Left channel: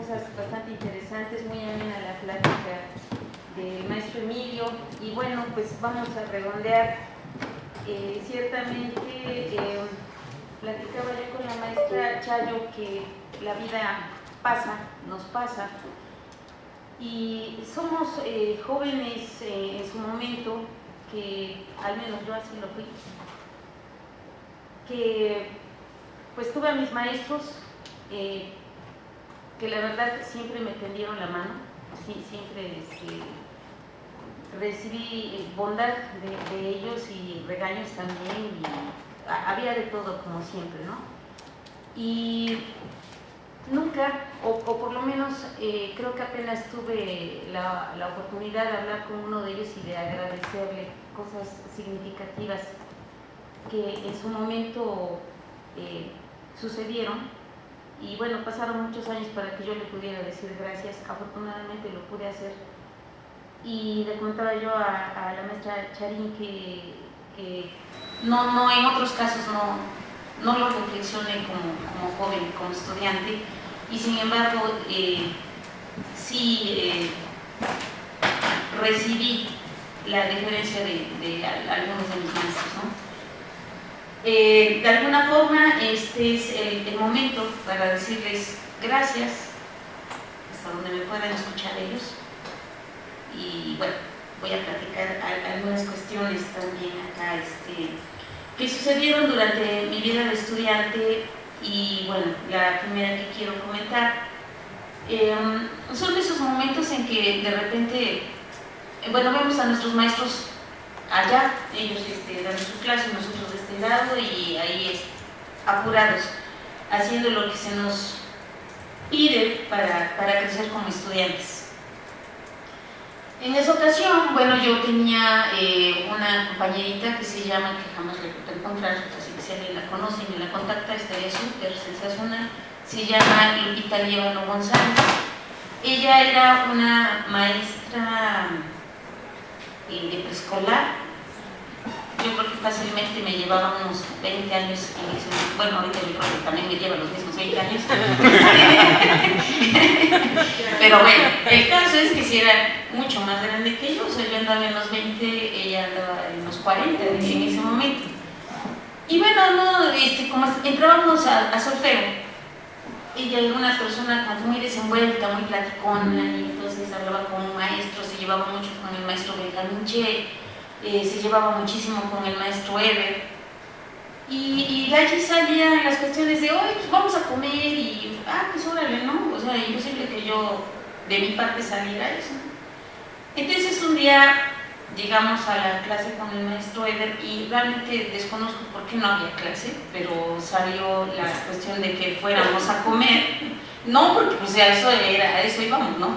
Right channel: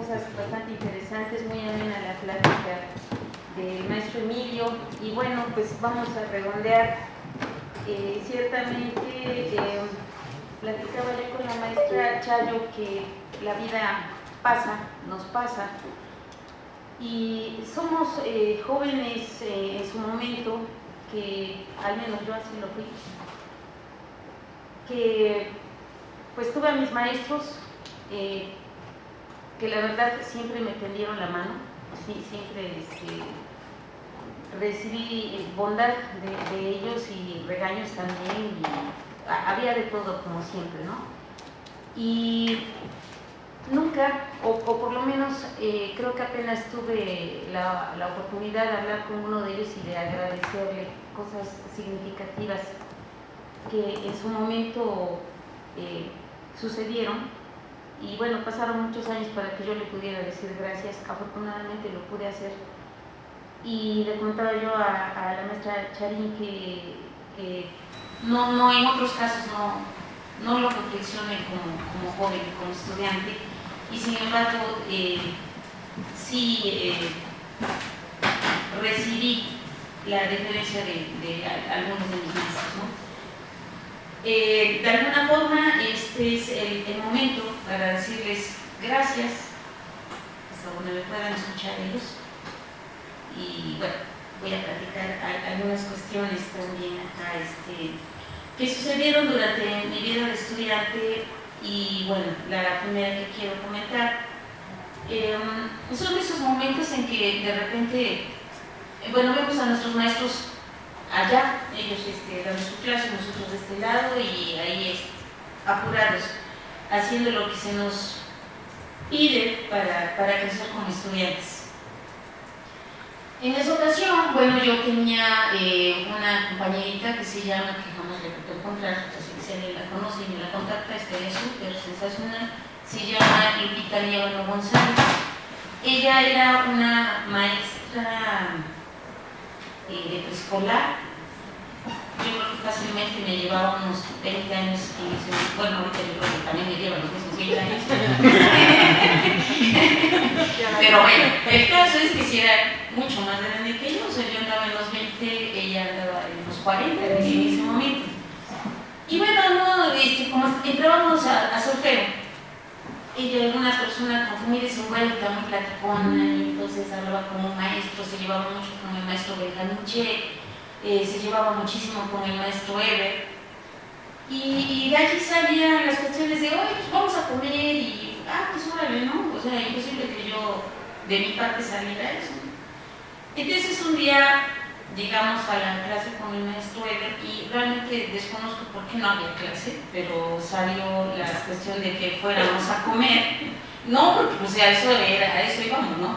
cosas bastante interesantes, muy amena la plática del maestro Emilio. Y bueno, pues vamos a redondear. Ciertamente, platicaba yo con la maestra Chayo que la vida pasa, nos pasa, y somos jóvenes en su momento, que al menos yo así lo fui, que pues tuve a mis maestros que la verdad siempre me tendieron la mano, sí, siempre recibí bondad de ellos y regaños también, y había de todo como siempre, ¿no? Y nunca, o por lo menos creo que apenas tuve la oportunidad de hablar con uno de ellos y de agradecerle cosas significativas que en su momento sucedieron. Y bueno, pasaron muchos años para que yo le pudiera decir gracias. Afortunadamente lo pude hacer. Y le comentaba yo a la maestra Charín que no, en otros casos no lo reflexioné como joven, como estudiante, y sin embargo sí recibí la deferencia de algunos de mis maestros, ¿no? De alguna forma este es el momento para decirles gracias hasta donde me puedan escuchar ellos. Y bueno, voy a platicar algunas cuestiones también acá que sucedieron durante mi vida de estudiante. Y bueno, la primera que quiero comentar son esos momentos en que de repente, bueno, vemos a nuestros maestros allá, ellos dando sus clases, nosotros de este lado, y ahí apurados, haciendo lo que se nos pide para crecer como estudiantes. En esa ocasión, bueno, yo tenía una compañerita que se llama, que jamás le puedo encontrar, así que si alguien la conoce y me la contacta, estaría súper sensacional. Se llama Lupita Líbano González. Ella era una maestra de preescolar. Yo creo que fácilmente me llevaba unos 20 años, bueno, ahorita yo creo que también me lleva los mismos 20 años. Pero bueno, el caso es que si era mucho más grande que yo, o sea, yo andaba en los 20, ella andaba en los 40 en ese momento. Y bueno, como entrábamos a solfeo, ella era una persona muy desenvuelta, muy platicona, y entonces hablaba con un maestro, se llevaba mucho con el maestro Benjamín Che, se llevaba muchísimo con el maestro Eber, y de allí salían las cuestiones de, oye, pues vamos a comer, y pues órale, ¿no? O sea, imposible que yo de mi parte saliera eso. Entonces un día llegamos a la clase con el maestro Eber, y realmente desconozco por qué no había clase, pero salió la cuestión de que fuéramos a comer. No, porque pues a eso íbamos, ¿no?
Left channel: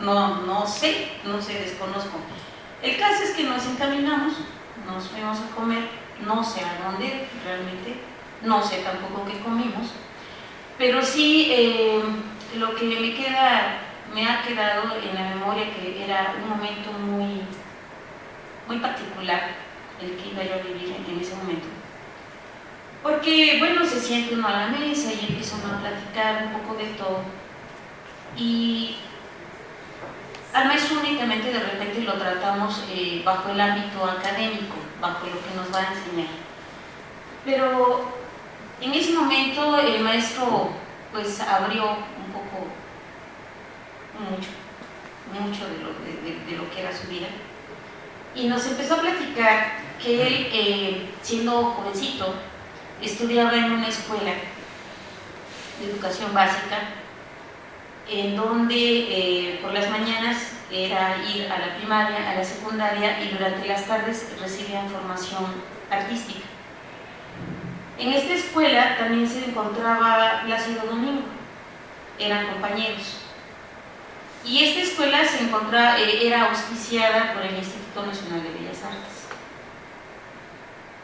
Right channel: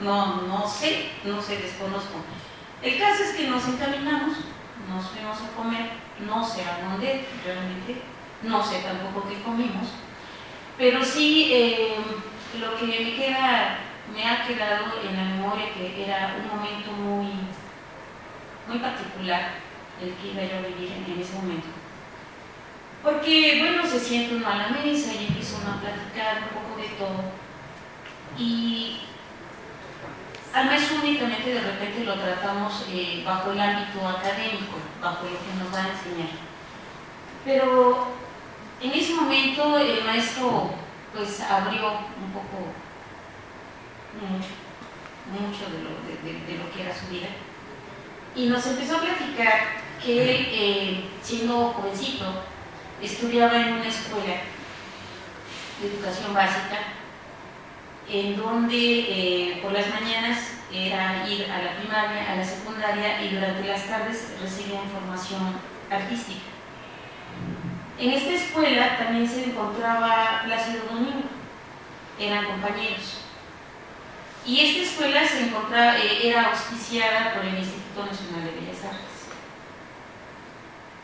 No sé, desconozco. El caso es que nos encaminamos, nos fuimos a comer, no sé a dónde realmente, no sé tampoco qué comimos, pero sí lo que me ha quedado en la memoria, que era un momento muy particular el que iba yo a vivir en ese momento. Porque, bueno, se siente uno a la mesa y empieza uno a platicar un poco de todo, y al maestro únicamente de repente lo tratamos bajo el ámbito académico, bajo lo que nos va a enseñar. Pero en ese momento el maestro pues abrió un poco, mucho de lo que era su vida, y nos empezó a platicar que él, siendo jovencito, estudiaba en una escuela de educación básica, en donde por las mañanas era ir a la primaria, a la secundaria, y durante las tardes recibían formación artística. En esta escuela también se encontraba Plácido Domingo, eran compañeros. Y esta escuela era auspiciada por el Instituto Nacional de Bellas Artes.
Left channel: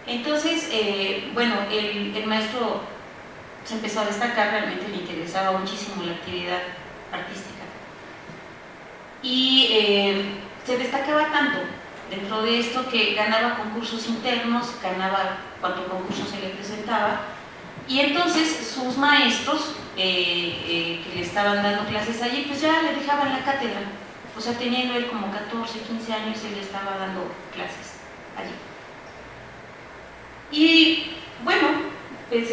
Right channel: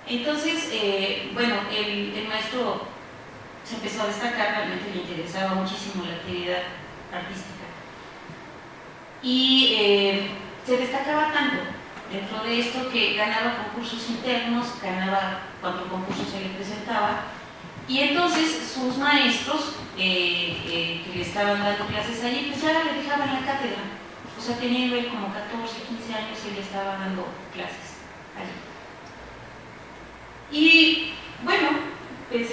Entonces, bueno, el maestro se empezó a destacar, realmente le interesaba muchísimo la actividad artística. Y se destacaba tanto dentro de esto que ganaba concursos internos, ganaba cuanto concurso se le presentaba, Y entonces sus maestros que le estaban dando clases allí, pues ya le dejaban la cátedra. O sea, teniendo él como 14, 15 años, él le estaba dando clases allí. Y bueno, pues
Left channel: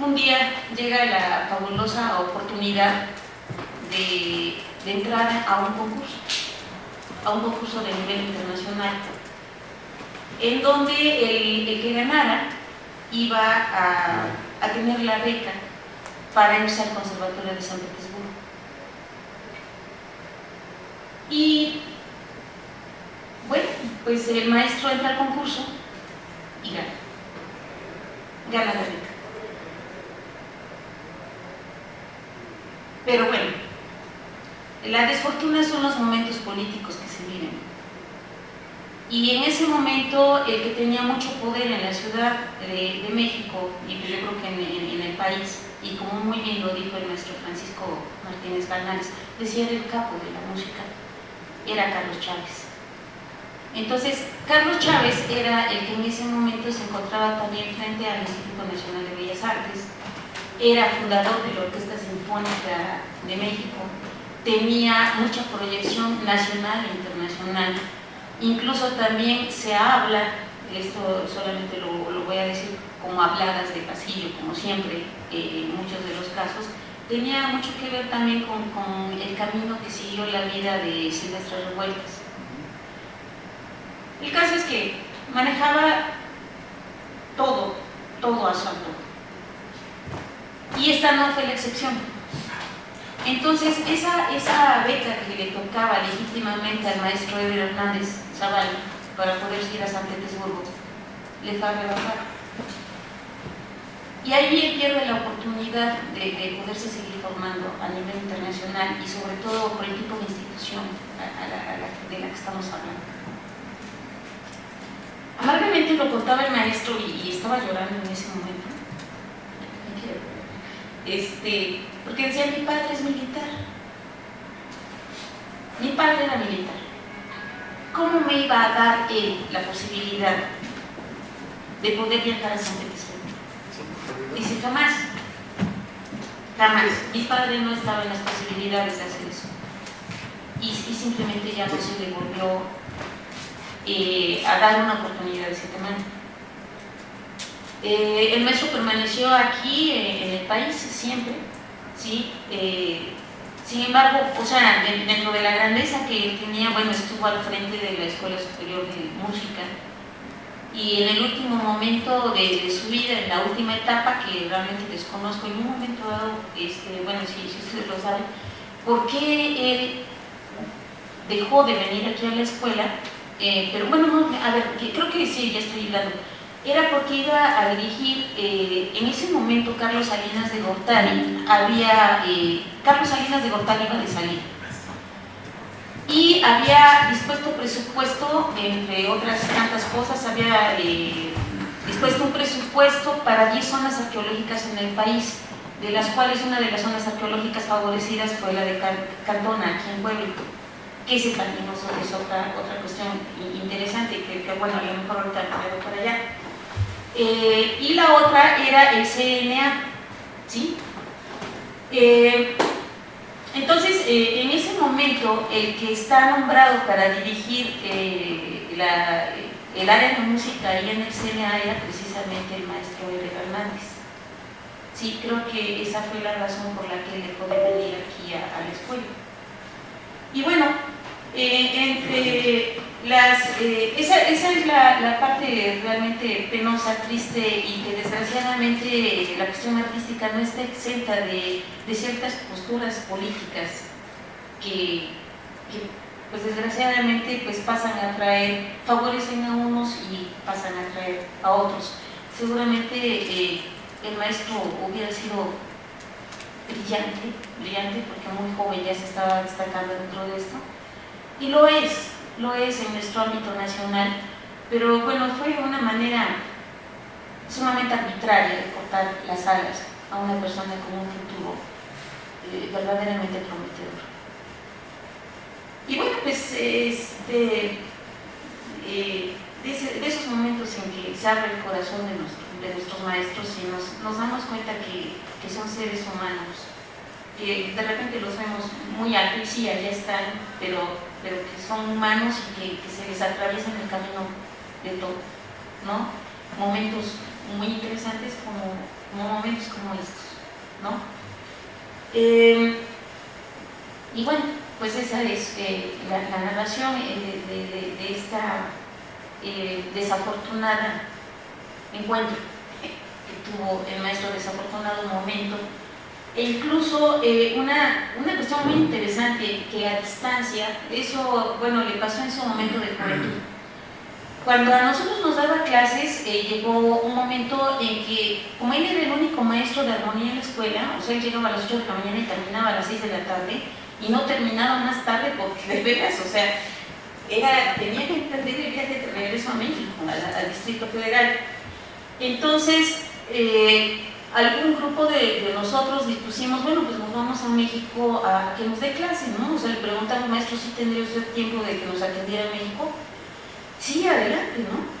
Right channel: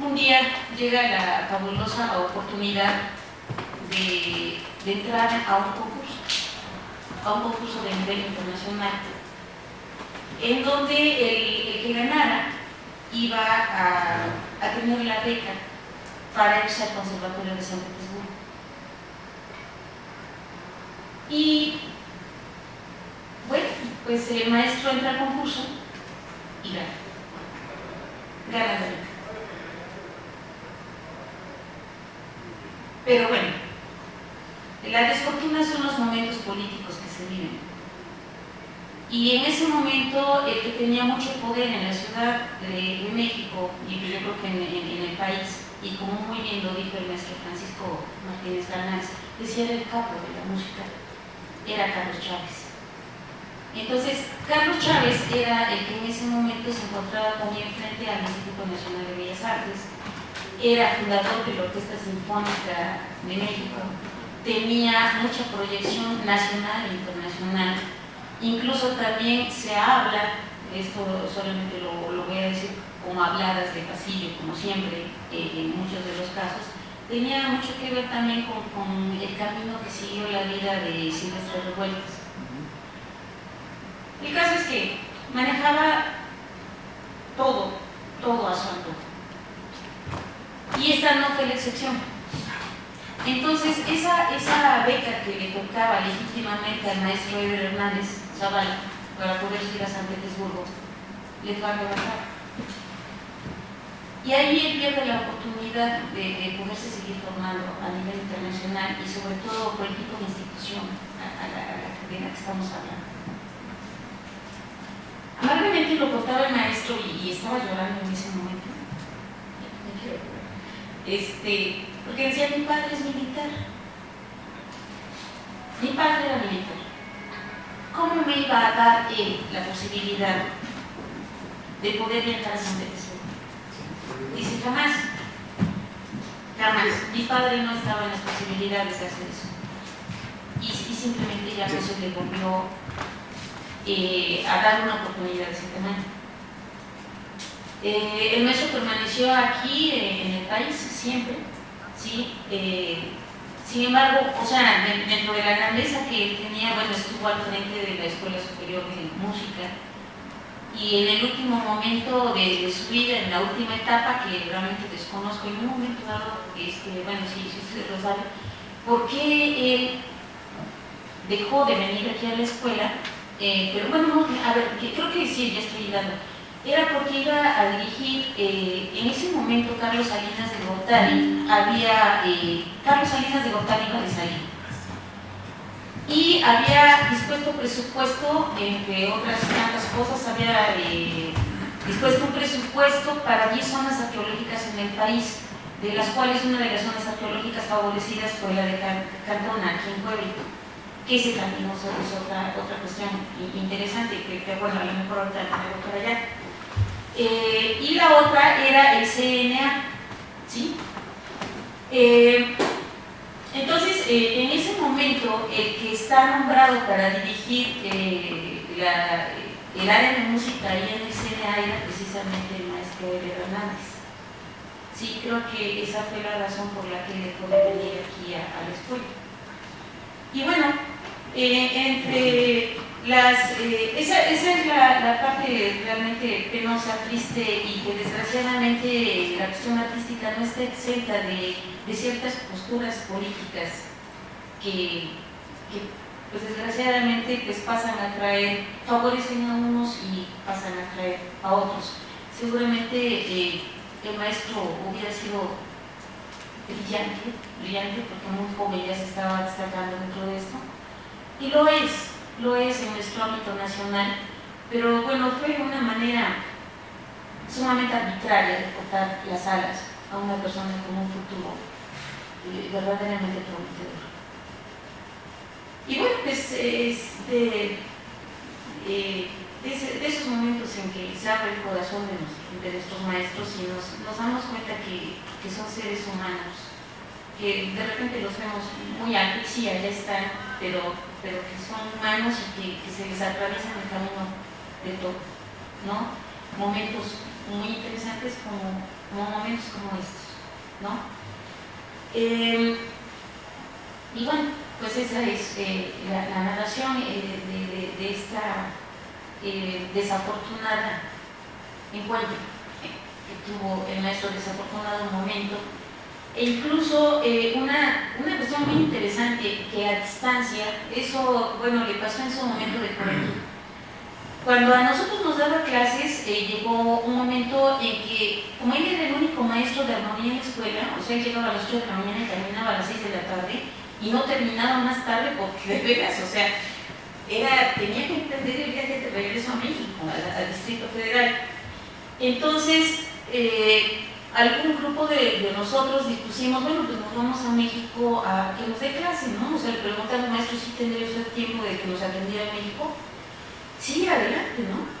un día llega la fabulosa oportunidad de entrar a un concurso de nivel internacional, en donde el que ganara iba a tener la beca para irse al Conservatorio de San Petersburgo. Y bueno, pues el maestro entra al concurso y gana la beca. Pero bueno, la desfortuna son los momentos políticos que se viven. Y en ese momento el que tenía mucho poder en la Ciudad de México, y yo creo que en el país, y como muy bien lo dijo el maestro Francisco Martínez Galnares, decía el capo de la música, era Carlos Chávez. Entonces, Carlos Chávez era el que en ese momento se encontraba también frente al Instituto Nacional de Bellas Artes, era fundador de la Orquesta Sinfónica de México, tenía mucha proyección nacional e internacional. Incluso también se habla, esto solamente lo voy a decir como habladas de pasillo, como siempre, en muchos de los casos, tenía mucho que ver también con el camino que siguió la vida de Silvestre Revueltas. El caso es que manejaba todo a su antojo. Y esta no fue la excepción. Entonces, esa beca que le tocaba legítimamente al maestro Eber Hernández Zavala para poder ir a San Petersburgo, le fue arrebatada. Y allí él pierde la oportunidad de poderse seguir formando a nivel internacional y sobre todo por el tipo de institución de la que estamos hablando. Amargamente lo contaba el maestro y estaba llorando en ese momento. Porque decía, mi padre es militar. Mi padre era militar. ¿Cómo me iba a dar él la posibilidad de poder viajar a San Petersburgo? Dice, jamás. Mi padre no estaba en las posibilidades de hacer eso. Y simplemente ya no se le volvió a dar una oportunidad de ese tamaño. El maestro permaneció aquí en el país siempre, ¿sí? Sin embargo, o sea, dentro de la grandeza que él tenía, bueno, estuvo al frente de la Escuela Superior de Música y en el último momento de su vida, en la última etapa, que realmente desconozco, en un momento dado, bueno, si ustedes lo saben, ¿por qué él dejó de venir aquí a la escuela? Pero bueno, no, a ver, creo que sí, ya estoy llegando. Era porque iba a dirigir, en ese momento Carlos Salinas de Gortari Carlos Salinas de Gortari iba de salir y había dispuesto presupuesto, entre otras tantas cosas, había dispuesto un presupuesto para 10 zonas arqueológicas en el país, de las cuales una de las zonas arqueológicas favorecidas fue la de Cantona, aquí en Puebla, que ese también es otra cuestión interesante, que bueno, a lo mejor ahorita la traigo para allá. Y la otra era el CNA, ¿sí? Entonces, en ese momento, el que está nombrado para dirigir el área de música ahí en el CNA era precisamente el maestro Eber Hernández. Sí, creo que esa fue la razón por la que él puede venir aquí a la escuela. Y bueno, esa es la parte realmente penosa, triste y que desgraciadamente la cuestión artística no está exenta de ciertas posturas políticas que pues desgraciadamente pues pasan a traer, favorecen a unos y pasan a traer a otros. Seguramente el maestro hubiera sido brillante porque muy joven ya se estaba destacando dentro de esto. Y lo es en nuestro ámbito nacional, pero bueno, fue una manera sumamente arbitraria de cortar las alas a una persona con un futuro verdaderamente prometedor. Y bueno, pues de esos momentos en que se abre el corazón de nuestros maestros y nos damos cuenta que son seres humanos, que de repente los vemos muy altos y sí, allá están, pero que son humanos y que se les atraviesa en el camino de todo, ¿no? Momentos muy interesantes como momentos como estos, ¿no? Y bueno, pues esa es la narración de esta desafortunada encuentro que tuvo el maestro, desafortunado momento. E incluso una cuestión muy interesante que a distancia, eso, bueno, le pasó en su momento de juventud. Cuando a nosotros nos daba clases, llegó un momento en que, como él era el único maestro de armonía en la escuela, o sea, él llegaba a las 8 de la mañana y terminaba a las 6 de la tarde, y no terminaba más tarde porque de veras, o sea, tenía que perder el viaje de regreso a México, al Distrito Federal. Entonces, algún grupo de nosotros dispusimos, bueno, pues nos vamos a México a que nos dé clase, ¿no? O sea, le preguntaba al maestro si tendría usted tiempo de que nos atendiera en México. Sí, adelante, ¿no?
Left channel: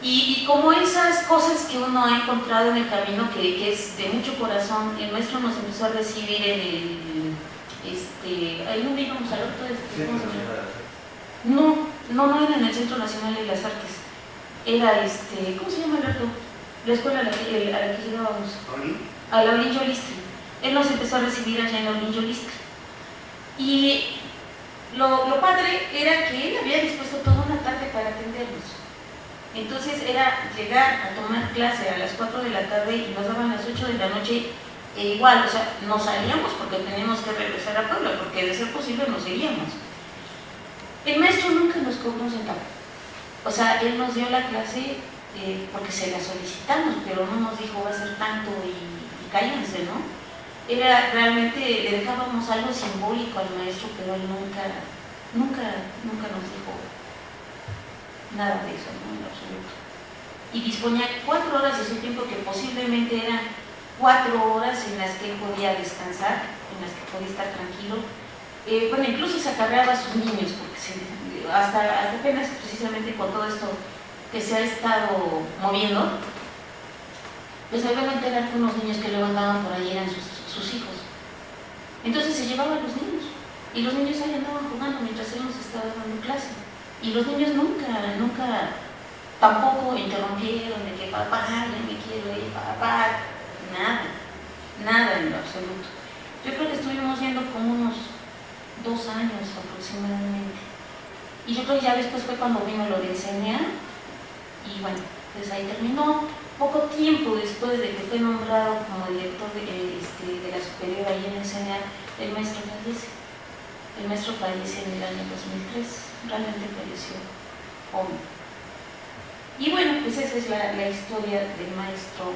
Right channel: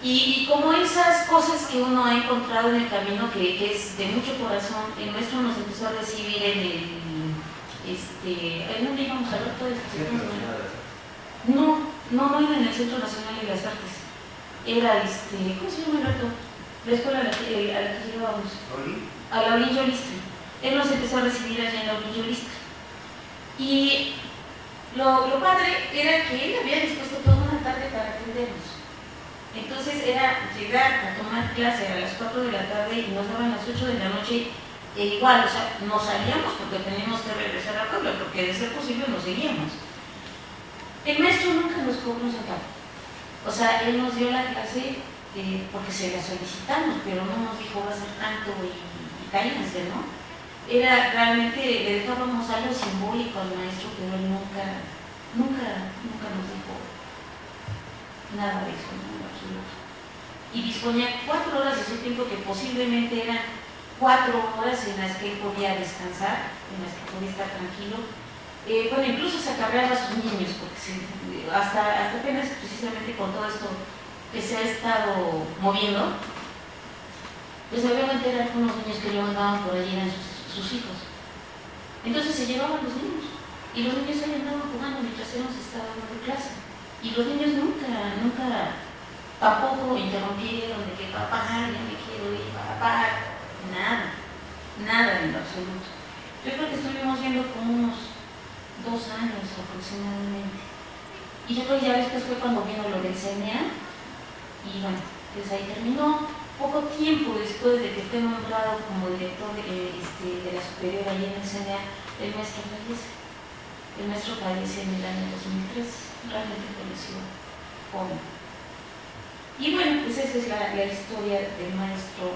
Y como esas cosas que uno ha encontrado en el camino, que es de mucho corazón, el maestro nos empezó a recibir en ¿en dónde íbamos al otro? No era en el Centro Nacional de las Artes. Era, ¿cómo se llama el otro? La escuela a la que llegábamos. A la Orillo Listre. Él nos empezó a recibir allá en la Orillo Listre. Y lo padre era que él había dispuesto toda una tarde para atendernos. Entonces era llegar a tomar clase a las 4 de la tarde y nos daban las 8 de la noche igual, o sea, nos salíamos porque teníamos que regresar a Puebla, porque de ser posible nos iríamos. El maestro nunca nos cobró un centavo. O sea, él nos dio la clase porque se la solicitamos, pero no nos dijo va a ser tanto y cállense, ¿no? Era realmente, le dejábamos algo simbólico al maestro, pero él nunca nos dijo nada de eso, ¿no? En absoluto. Y disponía 4 horas de su tiempo, que posiblemente eran 4 horas en las que él podía descansar, en las que podía estar tranquilo. Bueno, incluso se acarreaba a sus niños, porque hasta apenas precisamente con todo esto que se ha estado moviendo, pues obviamente eran unos niños que luego andaban por allí, eran sus hijos. Entonces se llevaban los niños, y los niños ahí andaban jugando mientras él nos estaba dando clase. Y los niños nunca tampoco interrumpieron de que papá, ya me quiero ir, papá, nada en lo absoluto. Yo creo que estuvimos viendo como unos 2 años aproximadamente. Y yo creo que ya después fue cuando vino lo del CNA, y bueno, pues ahí terminó. Poco tiempo después de que fue nombrado como director de la superior allí en el CNA, el maestro fallece. El maestro fallece en el año 2003, realmente falleció joven. Y bueno, pues esa es la historia del maestro,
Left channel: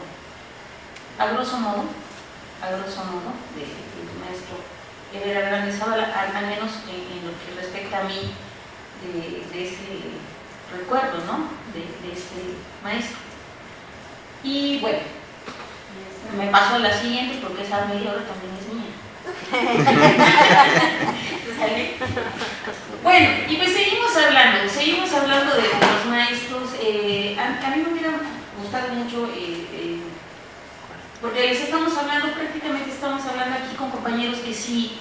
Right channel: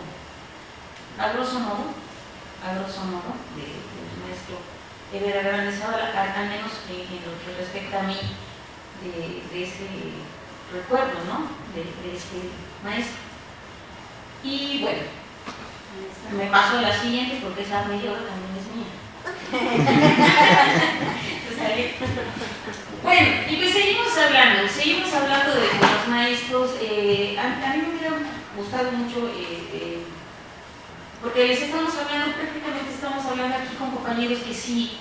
a grosso modo, del maestro Herrera Hernández, ahora al menos en lo que respecta a mí, de ese recuerdo, ¿no? De este maestro. Y bueno, me paso a la siguiente porque esa media hora también es mía. Bueno, y pues seguimos hablando de los maestros. A mí me hubiera gustado mucho, porque les prácticamente estamos hablando aquí con compañeros que sí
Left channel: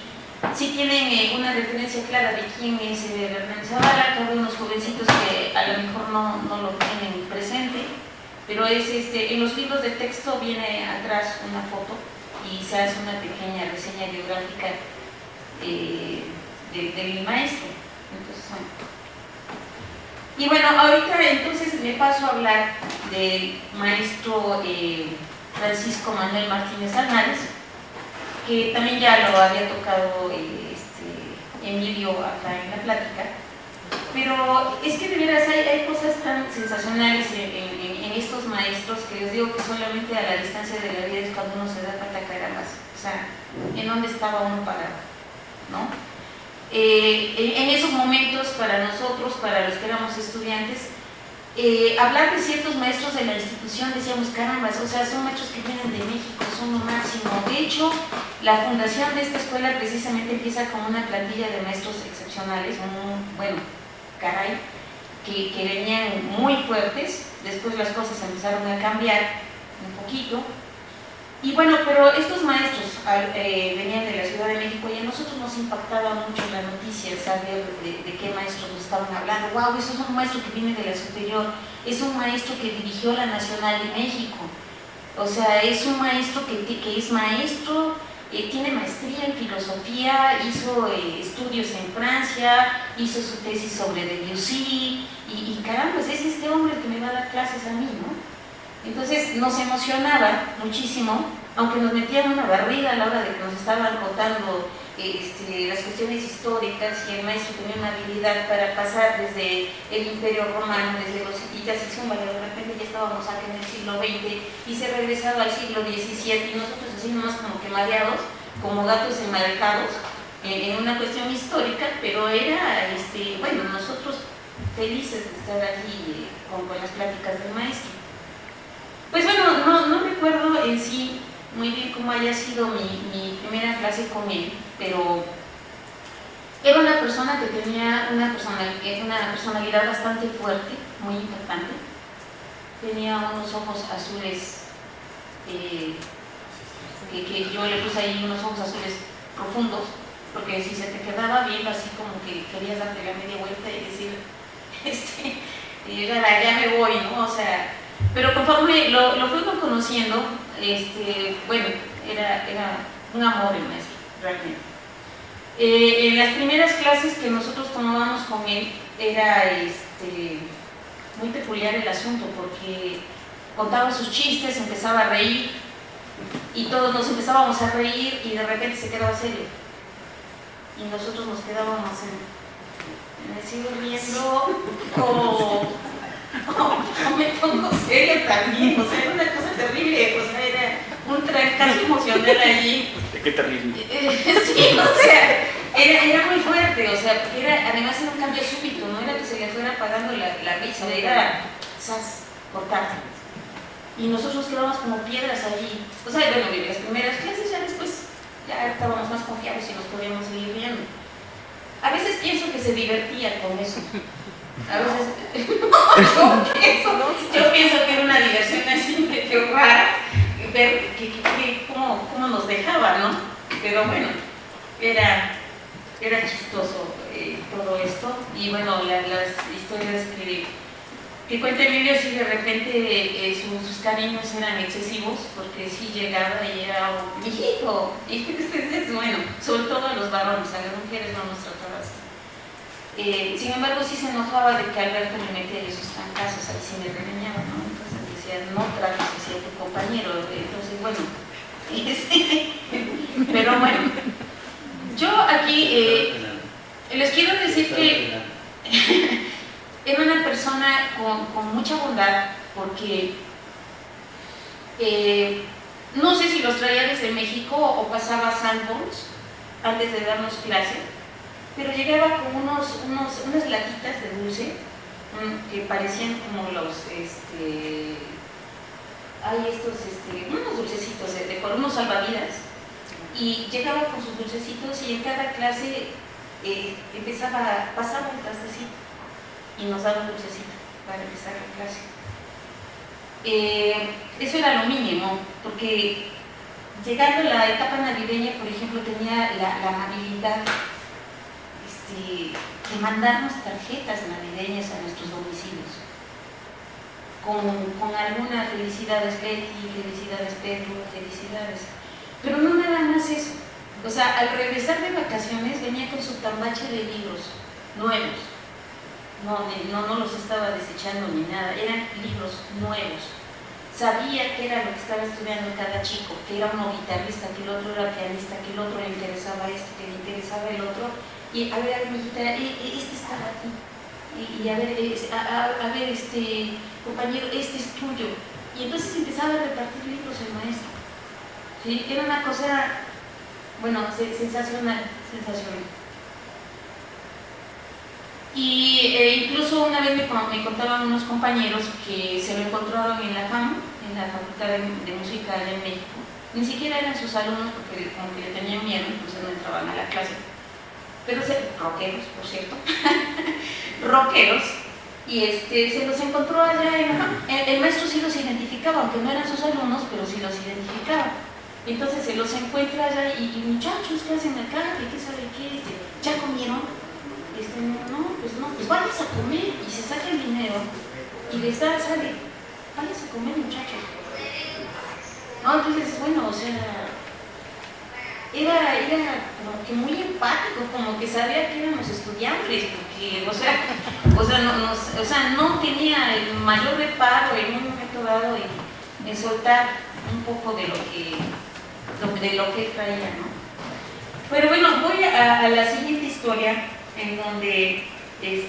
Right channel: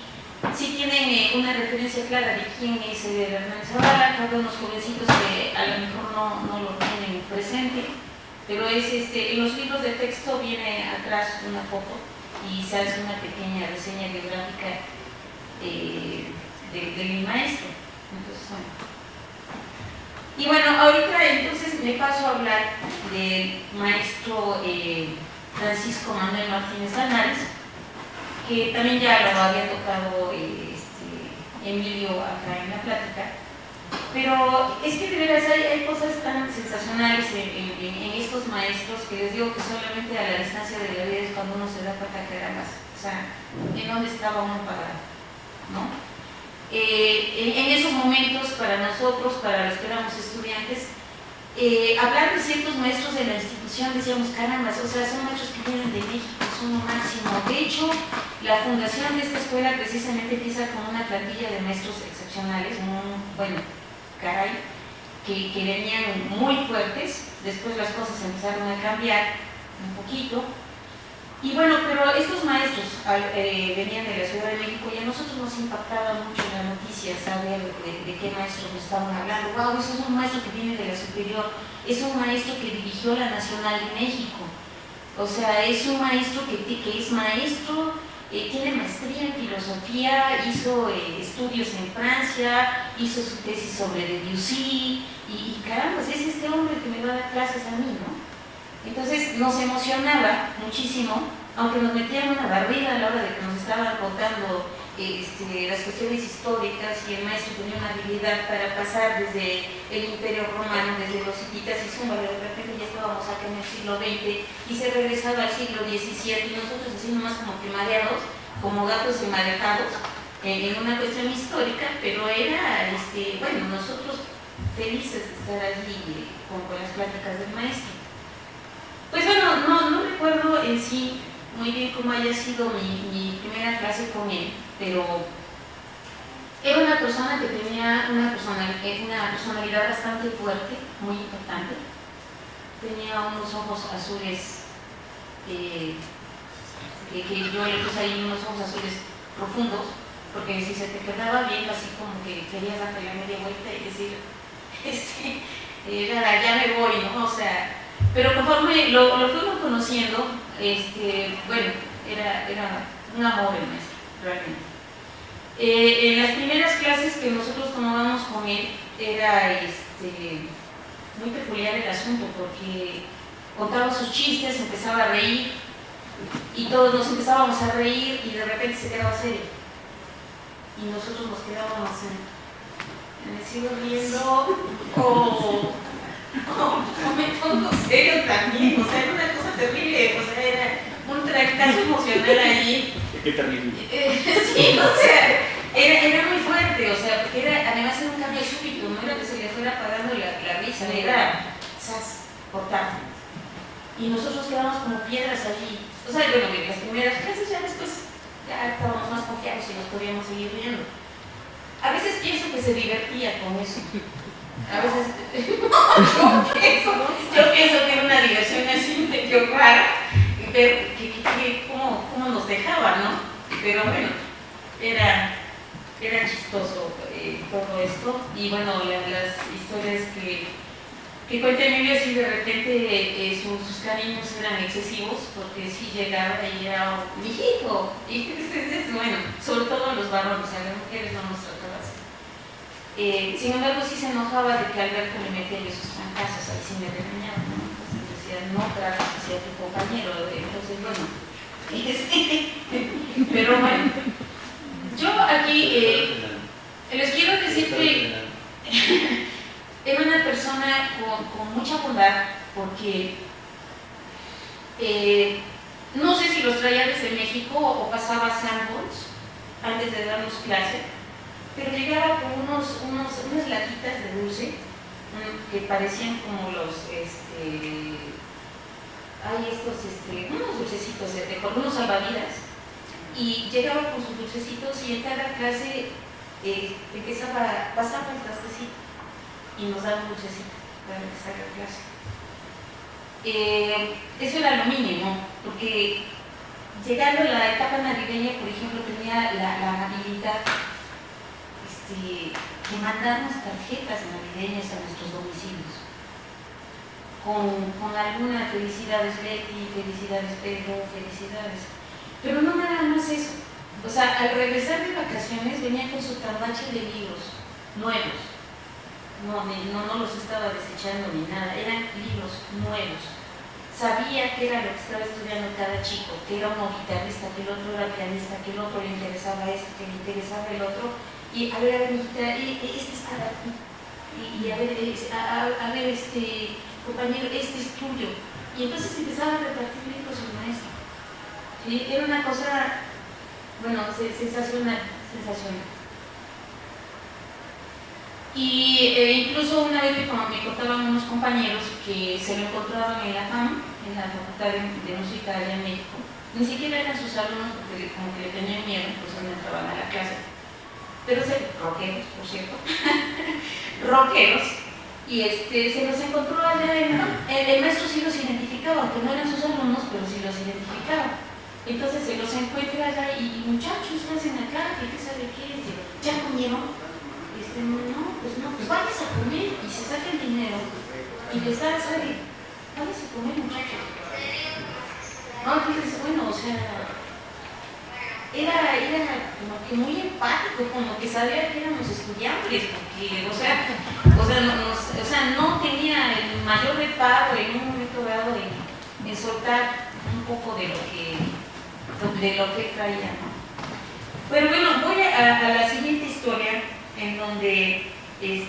tienen una referencia clara de quién es Hernández Zavala, cada unos jovencitos que a lo mejor no lo tienen presente, pero es en los libros de texto viene atrás una foto y se hace una pequeña reseña biográfica del maestro. Entonces, y bueno, ahorita entonces me paso a hablar del maestro Francisco Manuel Martínez Alnares, que también ya lo había tocado Emilio acá en la plática, pero es que de veras hay cosas tan sensacionales en estos maestros que yo digo que solamente a la distancia de la vida es cuando uno se da cuenta, carambas, o sea, en dónde estaba uno parado, ¿no? En esos momentos para nosotros, para los que éramos estudiantes, hablar de ciertos maestros de la institución, decíamos, carambas, o sea, son maestros que vienen de México, son lo máximo. De hecho, la fundación de esta escuela precisamente empieza con una plantilla de maestros excepcionales, bueno, caray, que venían muy fuertes. Después las cosas empezaron a cambiar un poquito. Y bueno, pero estos maestros venían de la Ciudad de México y a nosotros nos impactaba mucho la noticia saber de qué maestros nos estaban hablando. ¡Wow! Eso es un maestro que viene de la superior, es un maestro que dirigió la Nacional de México. O sea, es un maestro que es maestro, tiene maestría en filosofía, hizo estudios en Francia, hizo su tesis sobre Debussy, y caramba, pues es este hombre que me va a dar clases a mí, ¿no? Entonces nos emocionaba muchísimo, aunque nos metían una barrida a la hora de que nos estaban contando las cuestiones históricas, y el maestro tenía una habilidad para pasar desde el Imperio Romano, desde los hititas y zúmbalo, de repente ya estábamos acá en el siglo XX y se regresaba al siglo XVII y nosotros así nomás como que mareados, como gatos enmarejados en una cuestión histórica, pero era, bueno, nosotros felices de estar allí con las pláticas del maestro. Pues bueno, no recuerdo en sí muy bien cómo haya sido mi primera clase con él, pero era una persona que tenía una personalidad bastante fuerte, muy importante. Tenía unos ojos azules, que yo le puse ahí unos ojos azules profundos, porque si se te quedaba bien, así como que querías darte la media vuelta y decir, ya me voy, ¿no? O sea, pero conforme lo fuimos conociendo, bueno, era un amor el maestro, realmente. En las primeras clases que nosotros tomábamos con él era muy peculiar el asunto, porque contaba sus chistes, empezaba a reír y todos nos empezábamos a reír y de repente se quedaba serio y nosotros nos quedábamos en el cielo viendo o me pongo serio también, o sea, era una cosa terrible, o sea, era un trancazo emocional allí. Qué terrible. Sí, o sea, era muy fuerte, o sea, porque además era un cambio súbito, no era que se le fuera apagando la risa, era cortar. Y nosotros quedábamos como piedras allí. O sea, bueno, en las primeras clases ya después ya estábamos más confiados y nos podíamos seguir riendo. A veces pienso que se divertía con eso. A veces yo pienso que era una diversión así medio rara, ver cómo nos dejaba, ¿no? Pero bueno, era chistoso todo esto. Y bueno, las historias que cuenta Emilio, sí, de repente sus cariños eran excesivos, porque sí llegaba y era un mijito, y bueno, sobre todo los varones, a las mujeres no nos trataba así. Sin embargo, sí se enojaba de que Alberto le metía esos trancazos al cine regañado, ¿no? Entonces decía, no trates así a tu compañero. Entonces, bueno, pero bueno, yo aquí les quiero decir que era una persona con mucha bondad, porque no sé si los traía desde México o pasaba a Sanborns antes de darnos clase, pero llegaba con unas latitas de dulce que parecían como unos dulcecitos con unos salvavidas, y llegaba con sus dulcecitos y en cada clase pasaba el trastecito y nos daba un dulcecito para empezar la clase. Eso era lo mínimo, porque llegando a la etapa navideña, por ejemplo, tenía la habilidad de mandarnos tarjetas navideñas a nuestros domicilios con alguna felicidades Betty, felicidades Pedro, felicidades, pero no nada más eso. O sea, al regresar de vacaciones venía con su tambache de libros nuevos. No los estaba desechando ni nada, eran libros nuevos. Sabía qué era lo que estaba estudiando cada chico, que era uno guitarrista, que el otro era pianista, que el otro le interesaba esto, que le interesaba el otro. Y a ver, amiguita, este es para ti. Y a ver, compañero, este es tuyo. Y entonces empezaba a repartir libros el maestro. ¿Sí? Era una cosa, bueno, sensacional. Y incluso una vez me contaban unos compañeros que se lo encontraron en la FAM, en la Facultad de Música allá en México. Ni siquiera eran sus alumnos, porque como que le tenían miedo, entonces no entraban a la clase. Pero rockeros, por cierto, rockeros, y se los encontró allá el maestro sí los identificaba, aunque no eran sus alumnos, pero sí los identificaba. Entonces se los encuentra allá y muchachos, ¿qué hacen acá? ¿Qué sabe qué? ¿Ya comieron? No, pues vayas a comer, y se saca el dinero y les da, ¿sabe? Vayas a comer, muchachos. No, entonces, bueno, o sea, era como que muy empático, como que sabía que éramos estudiantes, porque, o sea, no tenía el mayor reparo en un momento dado en soltar un poco de lo que traía, ¿no? Pero bueno, voy a la siguiente historia, en donde el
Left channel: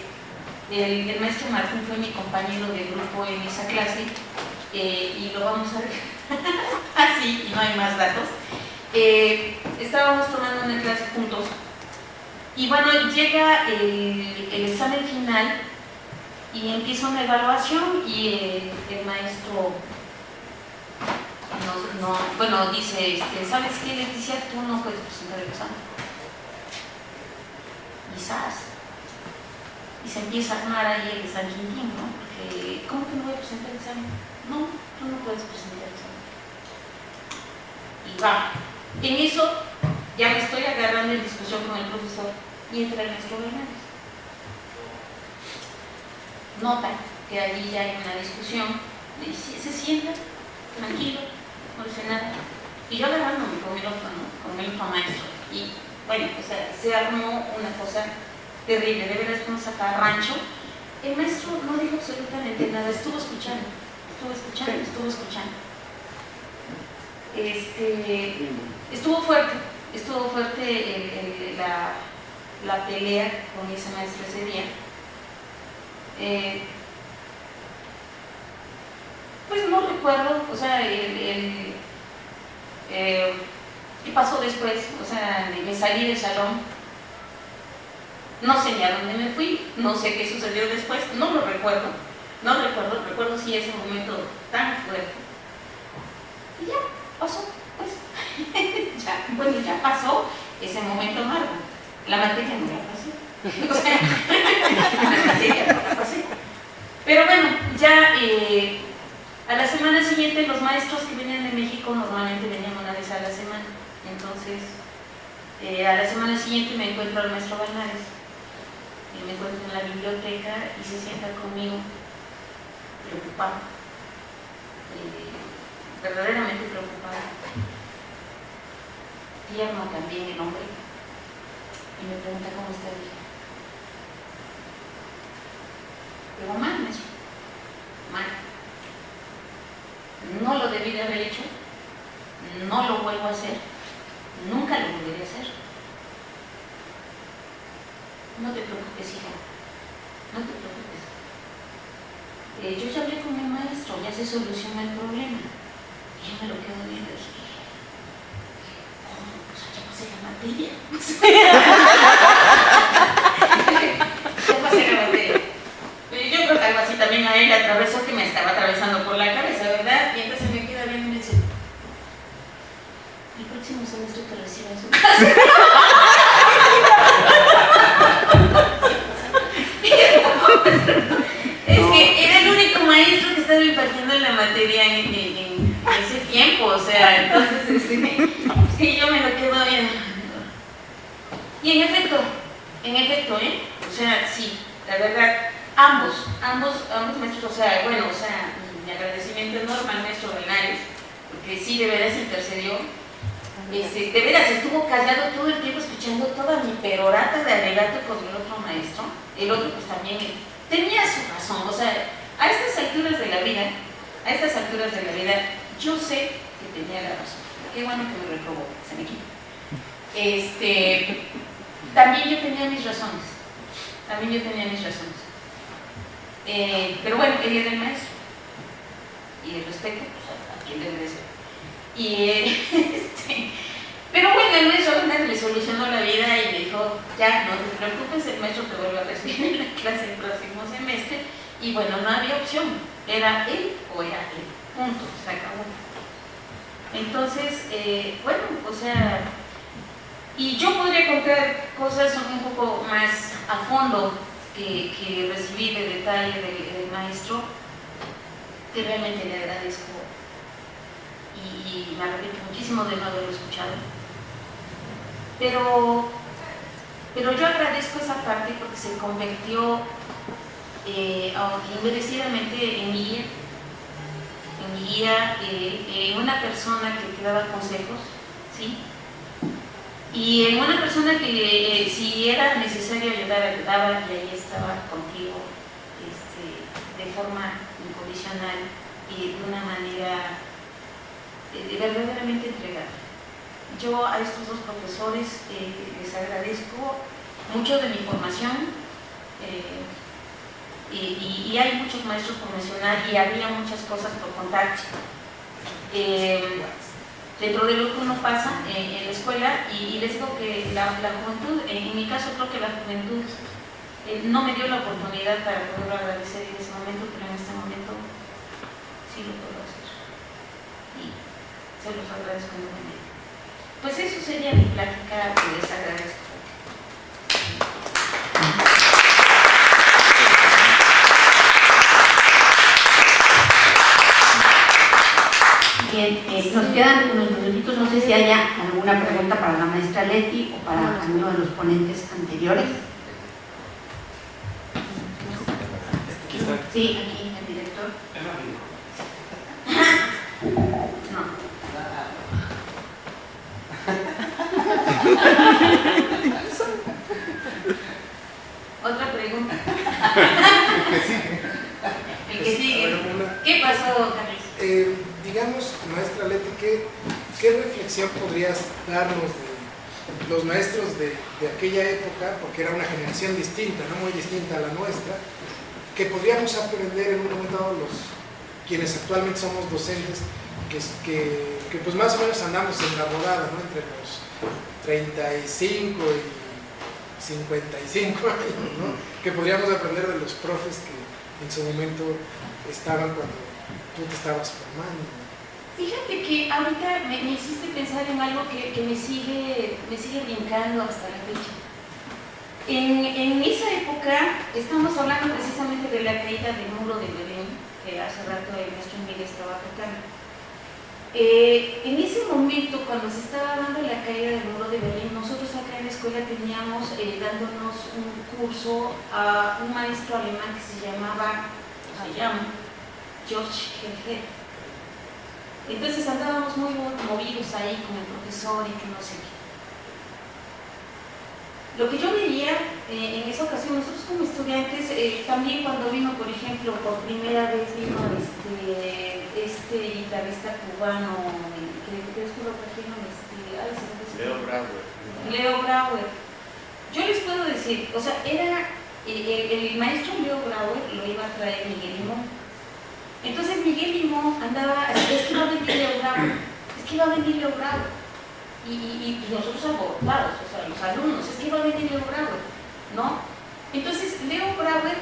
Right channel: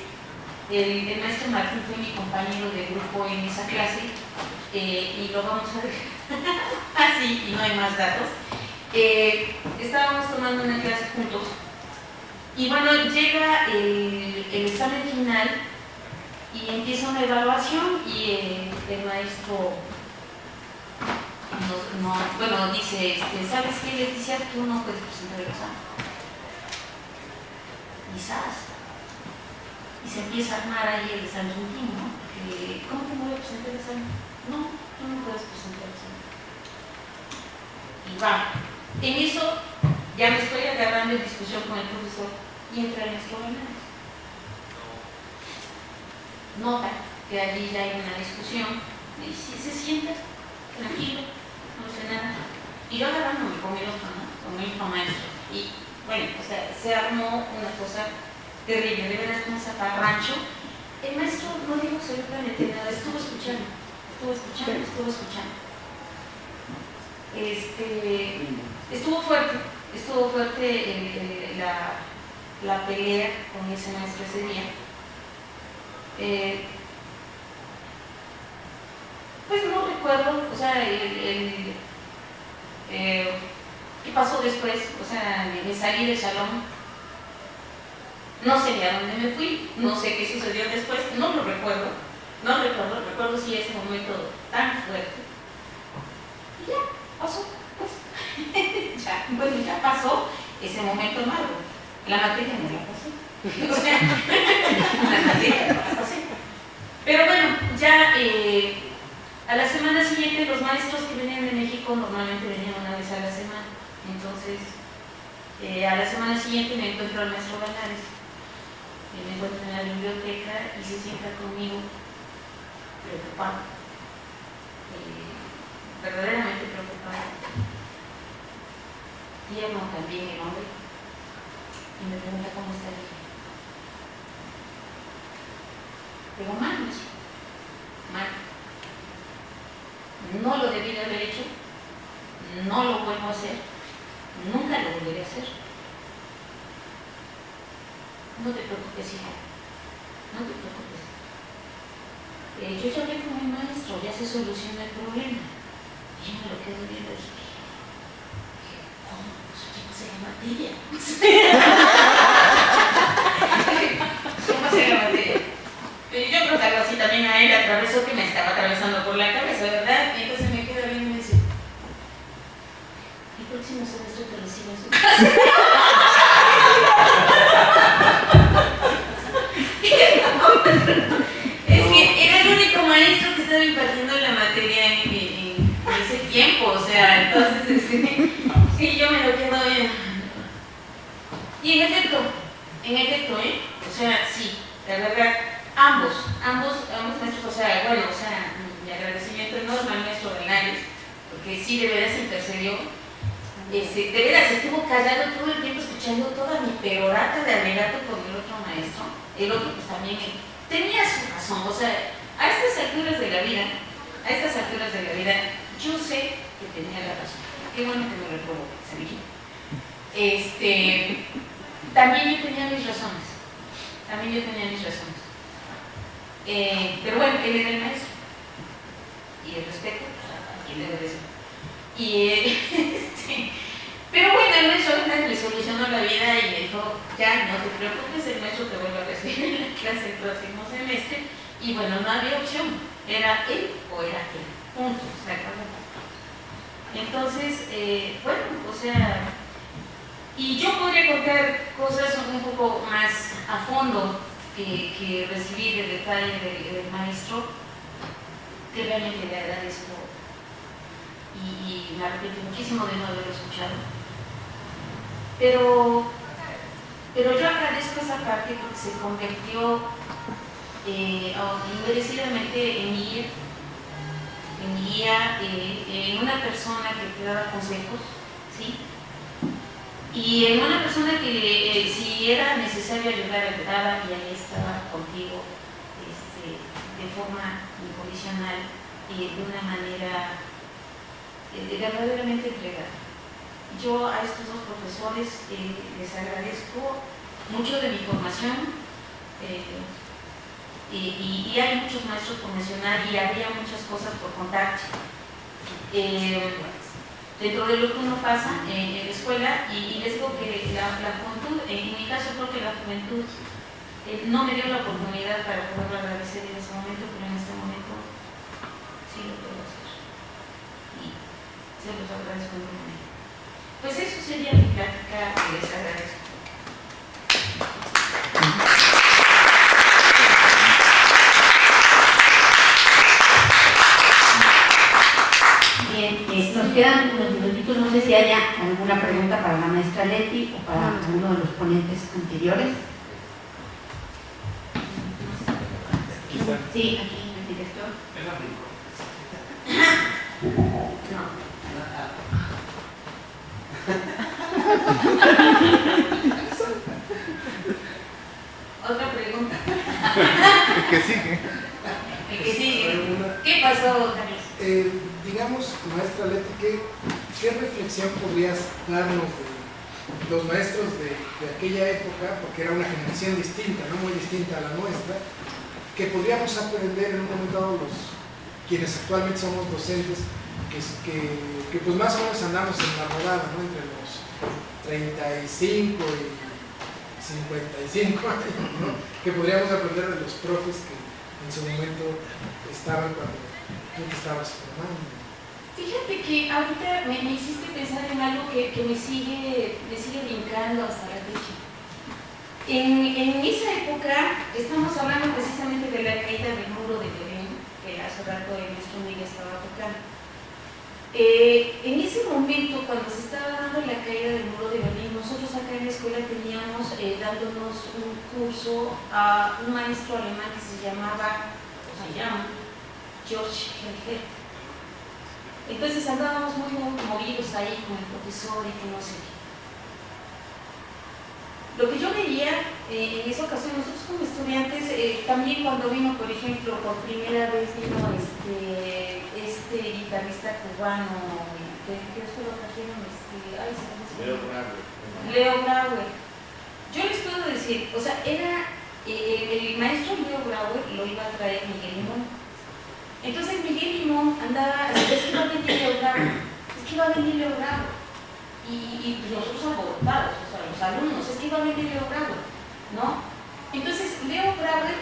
maestro Martín fue mi compañero de grupo en esa clase, y lo vamos a ver así, y no hay más datos. Estábamos tomando una clase juntos, y bueno, llega el examen final, y empieza una evaluación, y el maestro dice, ¿sabes qué, Leticia? Tú no puedes presentar el examen. Quizás. Y se empieza a armar ahí el San Quintín, ¿no? Porque, ¿cómo que no voy a presentar el examen? No, tú no puedes presentar el examen. Y va. En eso, ya me estoy agarrando en discusión con el profesor, y entra el maestro Hernández. Nota que allí ya hay una discusión, y se sienta, tranquilo, no dice nada. Y yo agarrándome con el otro, ¿no? Con el otro maestro. Y bueno, o sea, se armó una cosa terrible, de veras un zafarrancho. El maestro no dijo absolutamente nada, estuvo escuchando. Estuvo fuerte la pelea con ese maestro ese día. Pues no recuerdo, o sea, ¿qué pasó después? O sea, me salí del salón, no sé a dónde me fui, no sé qué sucedió después, no lo recuerdo, recuerdo sí ese momento tan fuerte. Y ya, pasó, pues, ya pasó ese momento amargo. La materia no la pasé, o sea, la materia no la pasé. Pero bueno, ya a la semana siguiente los maestros que venían de México normalmente venían una vez a la semana. Entonces, a la semana siguiente me encuentro al maestro Bernales, y me encuentro en la biblioteca y se sienta conmigo preocupado, verdaderamente preocupado. Tierno también el hombre, y me pregunta cómo está el día. Digo, mal, maestro, mal. No lo debí de haber hecho, no lo vuelvo a hacer, nunca lo volveré a hacer. No te preocupes, hijo, no te preocupes. Yo ya hablé con mi maestro, ya se soluciona el problema. Y yo me lo quedo viendo y dije, ¿cómo? Pues ya pasé la materia. ¿Cómo pasé la materia? Yo creo que algo así también a él le atravesó, que me estaba atravesando por la cabeza, ¿verdad? Y entonces me queda bien y me dice, el próximo semestre te recibo en su casa. Es que era el único maestro que estaba impartiendo la materia en ese tiempo, o sea, entonces sí, yo me lo quedo viendo. Y en efecto, o sea, sí, la verdad, ambos maestros, o sea, bueno, o sea, mi agradecimiento enorme al maestro Bernales, porque sí, de veras intercedió. De veras estuvo callado todo el tiempo escuchando toda mi perorata de alegato con el otro maestro. El otro pues también tenía su razón, o sea, a estas alturas de la vida, yo sé que tenía la razón. Qué bueno que me reprobó, se me quita. También yo tenía mis razones. Pero bueno, él era el maestro. Y el respeto, pues, a quien le debe ser. Pero bueno, el maestro le solucionó la vida y me dijo, ya, no te preocupes, el maestro te vuelve a recibir en la clase el próximo semestre. Y bueno, no había opción, era él o era él, punto, se acabó. Entonces, bueno, o sea, y yo podría contar cosas un poco más a fondo que recibí del detalle del maestro, que realmente le agradezco y me arrepiento muchísimo de no haberlo escuchado. Pero yo agradezco esa parte porque se convirtió, aunque inmerecidamente, en mi guía, en una persona que te daba consejos, ¿sí? Y en una persona que si era necesario ayudar, ayudaba, y ahí estaba contigo de forma incondicional y de una manera verdaderamente entregada. Yo a estos dos profesores les agradezco mucho de mi formación, y hay muchos maestros por mencionar y había muchas cosas por contar. Dentro de lo que uno pasa en la escuela, y les digo que la juventud, en mi caso creo que la juventud no me dio la oportunidad para poderlo agradecer en ese momento, pero en este momento sí lo puedo hacer y se los agradezco enormemente. Pues eso sería mi plática, les agradezco. Bien, nos quedan unos minutitos, no sé si haya alguna pregunta para la maestra Leti o para alguno de los ponentes anteriores. Sí, aquí el director. No. Otra pregunta. El que sigue. El que sigue. ¿Qué pasó, Carlos? Digamos, maestra Leti, ¿qué reflexión podrías darnos de los maestros de aquella época, porque era una generación distinta, no muy distinta a la nuestra, que podríamos aprender en un momento dado quienes actualmente somos docentes, que pues más o menos andamos en la rodada, ¿no? Entre los 35 y 55 años, ¿no? Que podríamos aprender de los profes que en su momento estaban cuando tú te estabas formando. Fíjate que ahorita me hiciste pensar en algo que me sigue brincando hasta la fecha. En esa época, estamos hablando precisamente de la caída del muro de Berlín, que hace rato el maestro Miguel estaba tocando. En ese momento, cuando se estaba dando la caída del muro de Berlín, nosotros acá en la escuela teníamos dándonos un curso a un maestro alemán que se llama George Herger. Entonces andábamos muy movidos ahí con el profesor y que no sé qué. Lo que yo veía en esa ocasión, nosotros como estudiantes, también cuando vino, por ejemplo, por primera vez vino este guitarrista cubano, que después lo trajeron, Leo Brauer. Yo les puedo decir, o sea, era el maestro Leo Brauer lo iba a traer Miguel Limón. Entonces Miguel Limón andaba, es que iba a venir Leo Brauer. Y nosotros alborotados, o sea, los alumnos, es que iba a venir Leo Brauer, ¿no? Entonces Leo Brauer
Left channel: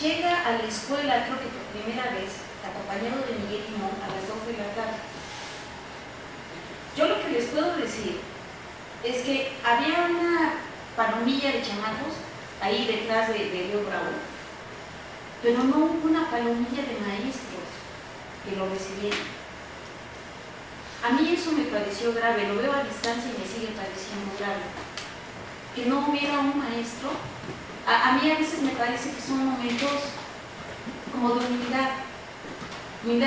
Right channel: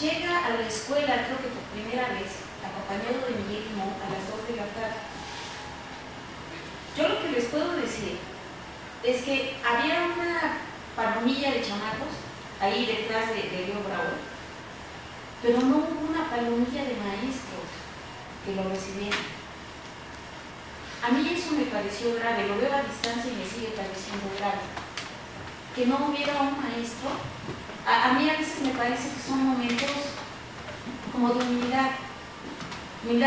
llega a la escuela, creo que por primera vez, acompañado de Miguel Limón a las 2 de la tarde. Yo lo que les puedo decir es que había una palomilla de chamacos ahí detrás de Leo Brauer, pero no hubo una palomilla de maestros que lo recibieran. A mí eso me pareció grave, lo veo a distancia y me sigue pareciendo grave. Que no hubiera un maestro, a mí a veces me parece que son momentos como de humildad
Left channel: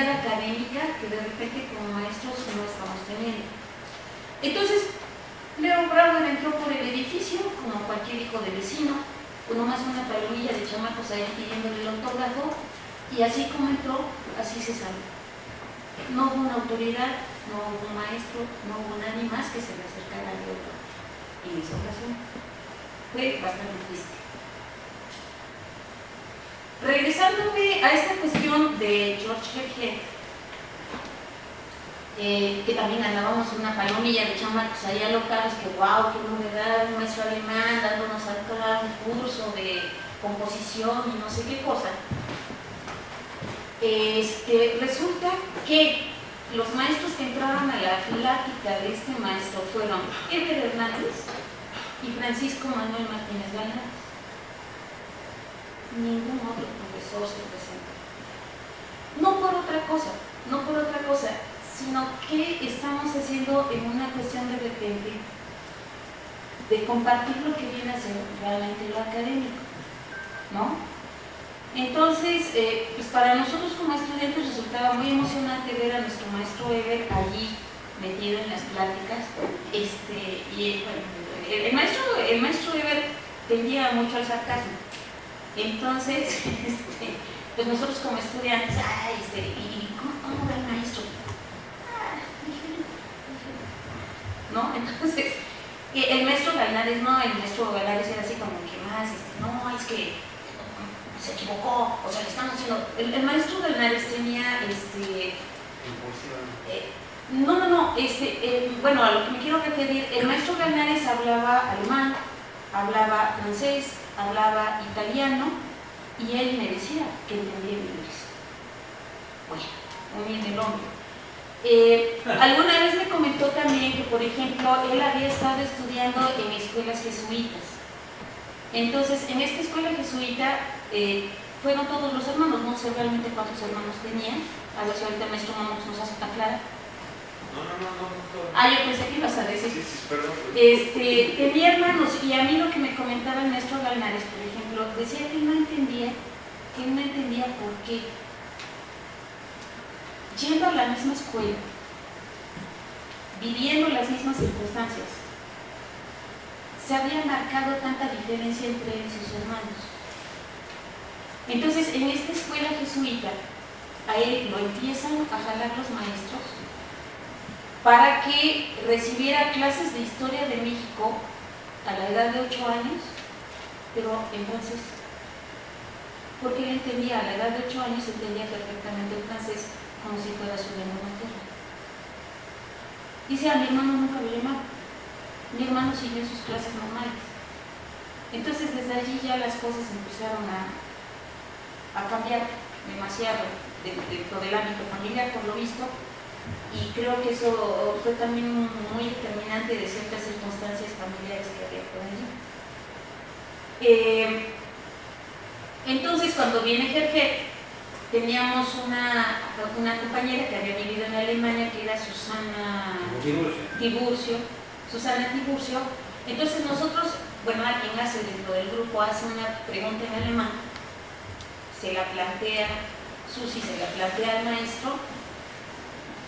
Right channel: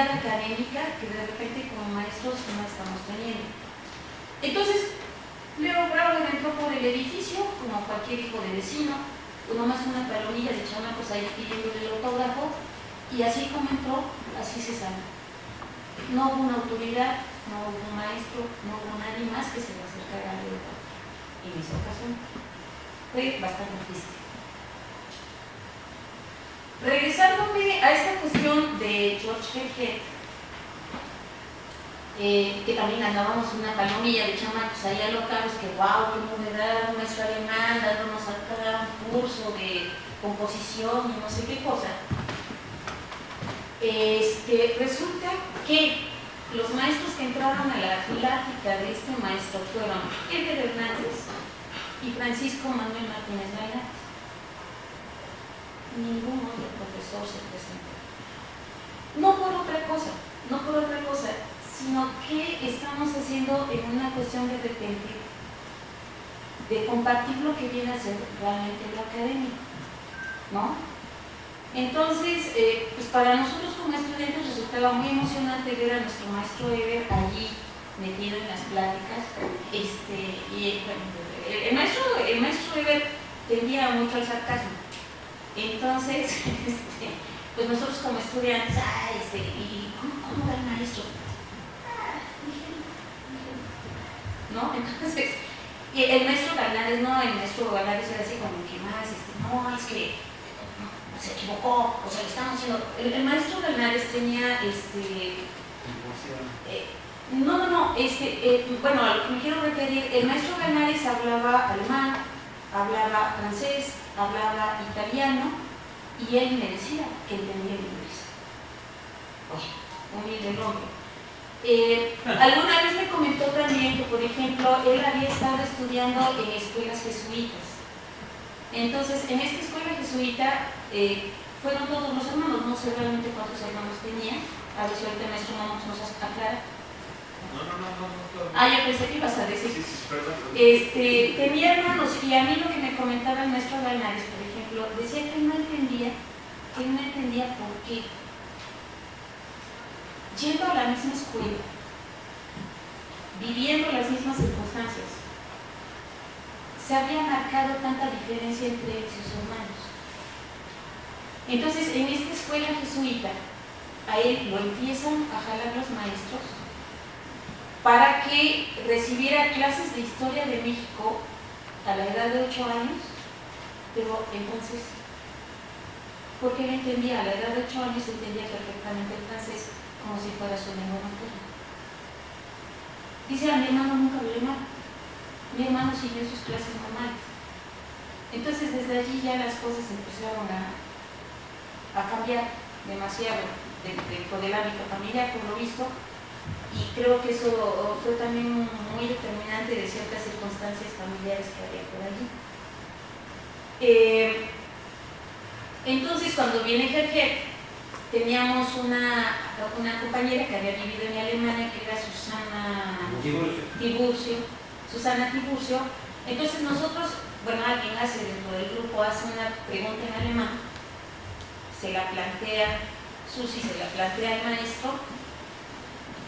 académica que de repente como maestros no estamos teniendo. Entonces, Leo Brauer entró por el edificio, como cualquier hijo de vecino, uno más una palomilla de chamacos ahí pidiéndole el autógrafo, y así como entró, así se salió. No hubo una autoridad, no hubo un maestro, no hubo nadie más que se le acercara a Leo Brauer. En esa ocasión fue bastante triste. Regresándome a esta cuestión de George Herger, que también andábamos una palomilla de chamacos allá locales, que wow, qué novedad, un maestro alemán dándonos acá un curso de composición y no sé qué cosa. Resulta que los maestros que entraban a la plática de este maestro fueron Eber Hernández y Francisco Manuel Martínez Galán. ningún otro profesor se presentó. No por otra cosa, no por otra cosa, sino que estamos haciendo en una cuestión de repente de compartir lo que viene a ser realmente lo académico, ¿no? Entonces, pues para nosotros como estudiantes resultaba muy emocionante ver a nuestro maestro Eber allí metido en las pláticas, y bueno, el maestro Eber tendía mucho al sarcasmo. Entonces, pues nosotros como estudiantes, ¿y cómo va el maestro? ¿No? Entonces, el maestro Ganares, no, el maestro Ganares era así como que más, no, es que se equivocó, o sea, le estamos haciendo. El maestro Ganares tenía, bueno, a lo que me quiero referir, el maestro Ganares hablaba alemán, hablaba francés, hablaba italiano, y él me decía que entendía el inglés. Oye, muy bien el hombre. Alguna vez me comentó también que, por ejemplo, él había estado estudiando en escuelas jesuitas. Entonces, en esta escuela jesuita fueron todos los hermanos, no sé realmente cuántos hermanos tenían. A ver si ahorita el maestro Momox nos hace tan clara. No. Yo pensé que ibas a decir. Sí, perdón. Tenía hermanos, y a mí lo que me comentaba el maestro Ganares, por ejemplo, decía que él no entendía por qué, yendo a la misma escuela, viviendo las mismas circunstancias, se había marcado tanta diferencia entre él y sus hermanos. Entonces, en esta escuela jesuita, a él lo empiezan a jalar los maestros para que recibiera clases de historia de México a la edad de 8 años, pero entonces, porque él entendía, a la edad de 8 años entendía perfectamente el francés como si fuera su lengua materna. Dice, a mi hermano nunca lo llamaron, mi hermano siguió sus clases normales. Entonces desde allí ya las cosas empezaron a cambiar demasiado dentro del ámbito familiar, por lo visto, y creo que eso fue también muy determinante de ciertas circunstancias familiares que había por allí. Entonces, cuando viene Gerger, teníamos una compañera que había vivido en Alemania, que era Susana Tiburcio. Entonces nosotros, bueno, alguien hace dentro del grupo, hace una pregunta en alemán, se la plantea Susi, se la plantea al maestro,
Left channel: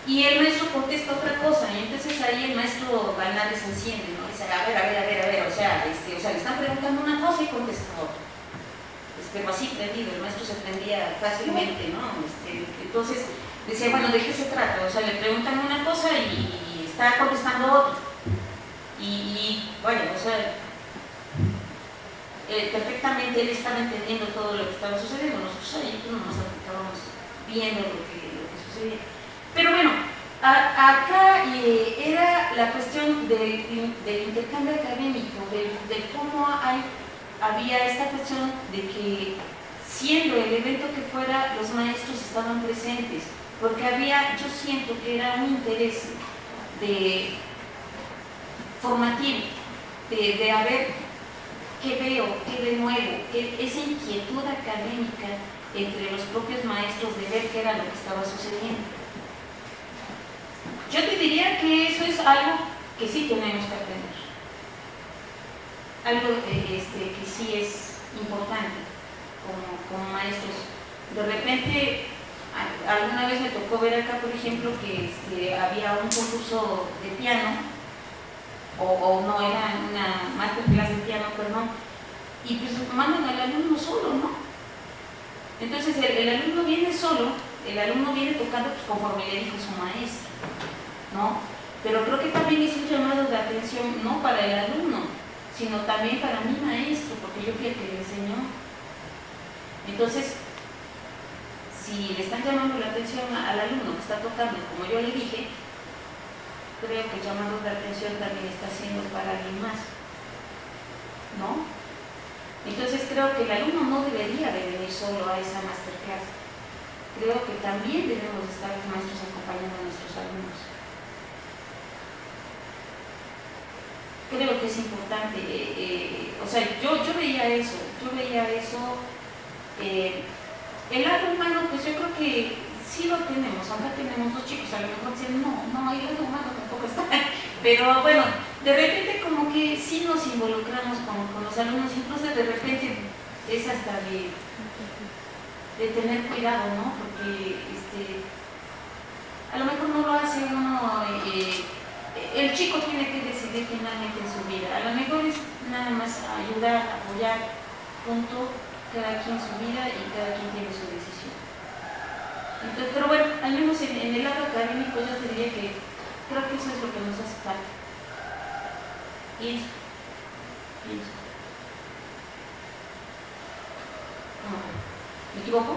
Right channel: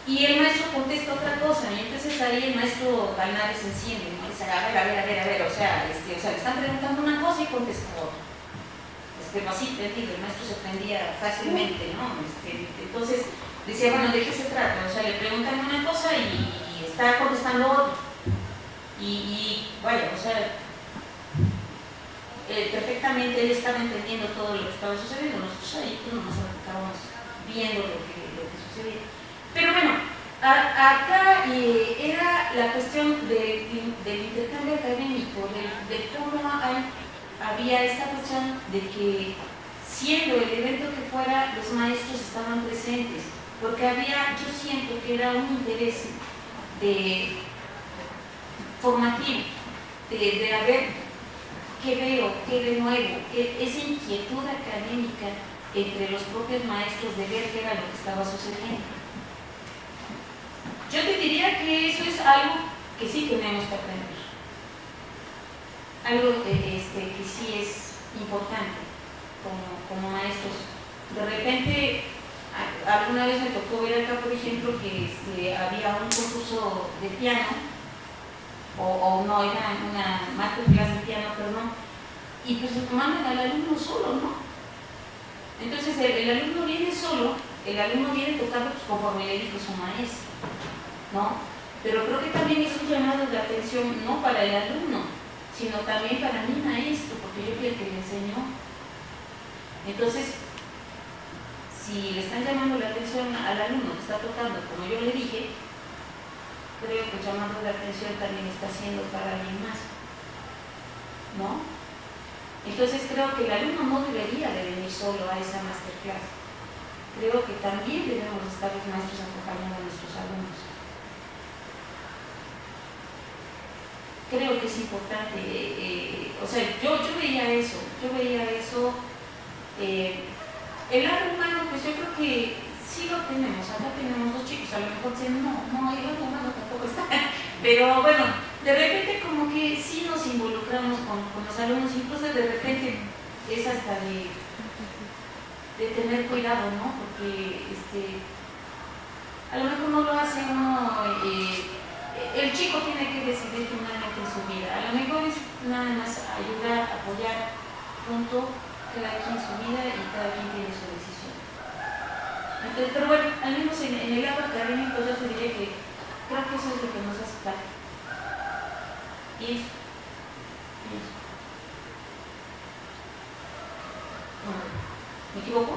y el maestro contesta otra cosa, y entonces ahí el maestro Ganares se enciende, ¿no? Dice, a ver, o sea, le están preguntando una cosa y contesta otra. Así, el maestro se prendía fácilmente, ¿no? Entonces decía, bueno, ¿de qué se trata? O sea, le preguntan una cosa y está contestando otra. Y vaya, o sea, perfectamente él estaba entendiendo todo lo que estaba sucediendo. Nosotros ahí nos estábamos viendo lo que sucedía. Pero bueno, acá era la cuestión del intercambio académico, de cómo había esta cuestión de que, siendo el evento que fuera, los maestros estaban presentes, porque yo siento que era un interés formativo, de a ver qué veo, qué de nuevo, esa inquietud académica entre los propios maestros de ver qué era lo que estaba sucediendo. Yo te diría que eso es algo que sí tenemos que aprender. Algo que sí es importante como maestros. De repente, alguna vez me tocó ver acá, por ejemplo, que había un concurso de piano, o no, era una masterclass de piano, perdón, y pues mandan al alumno solo, ¿no? Entonces el alumno viene solo, el alumno viene tocando pues, conforme le dijo su maestro, ¿no? Pero creo que también es un llamado de atención, no para el alumno, sino también para mi maestro, porque yo fui el que le enseñó. Entonces, si le están llamando la atención al alumno que está tocando, como yo le dije, creo que el llamado de atención también está haciendo para alguien más, ¿no? Entonces creo que el alumno no debería de venir solo a esa masterclass. Creo que también debemos estar los maestros acompañando a nuestros alumnos. Creo que es importante, o sea, yo veía eso El lado humano, pues yo creo que sí lo tenemos. Acá tenemos dos chicos, a lo mejor dicen, no, el lado humano tampoco está. Pero bueno, de repente como que sí nos involucramos con los alumnos, incluso de repente es hasta de tener cuidado, ¿no? Porque a lo mejor no lo hace uno, el chico tiene que decidir finalmente en su vida. A lo mejor es nada más ayudar, apoyar, punto, cada quien su vida y cada quien tiene su decisión. Entonces, pero bueno, al menos en el lado académico yo te diría que creo que eso es lo que nos hace falta. Pienso. No, ¿me equivoco?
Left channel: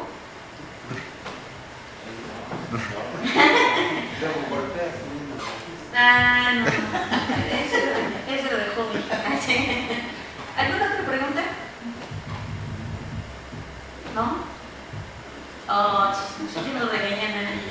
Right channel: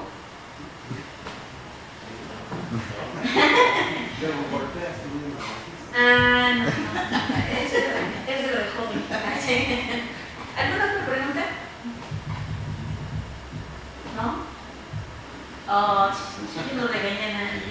No. Eso lo dejó mi papá. ¿Alguna otra pregunta? ¿No? Oh, sí, nos regañan ahí.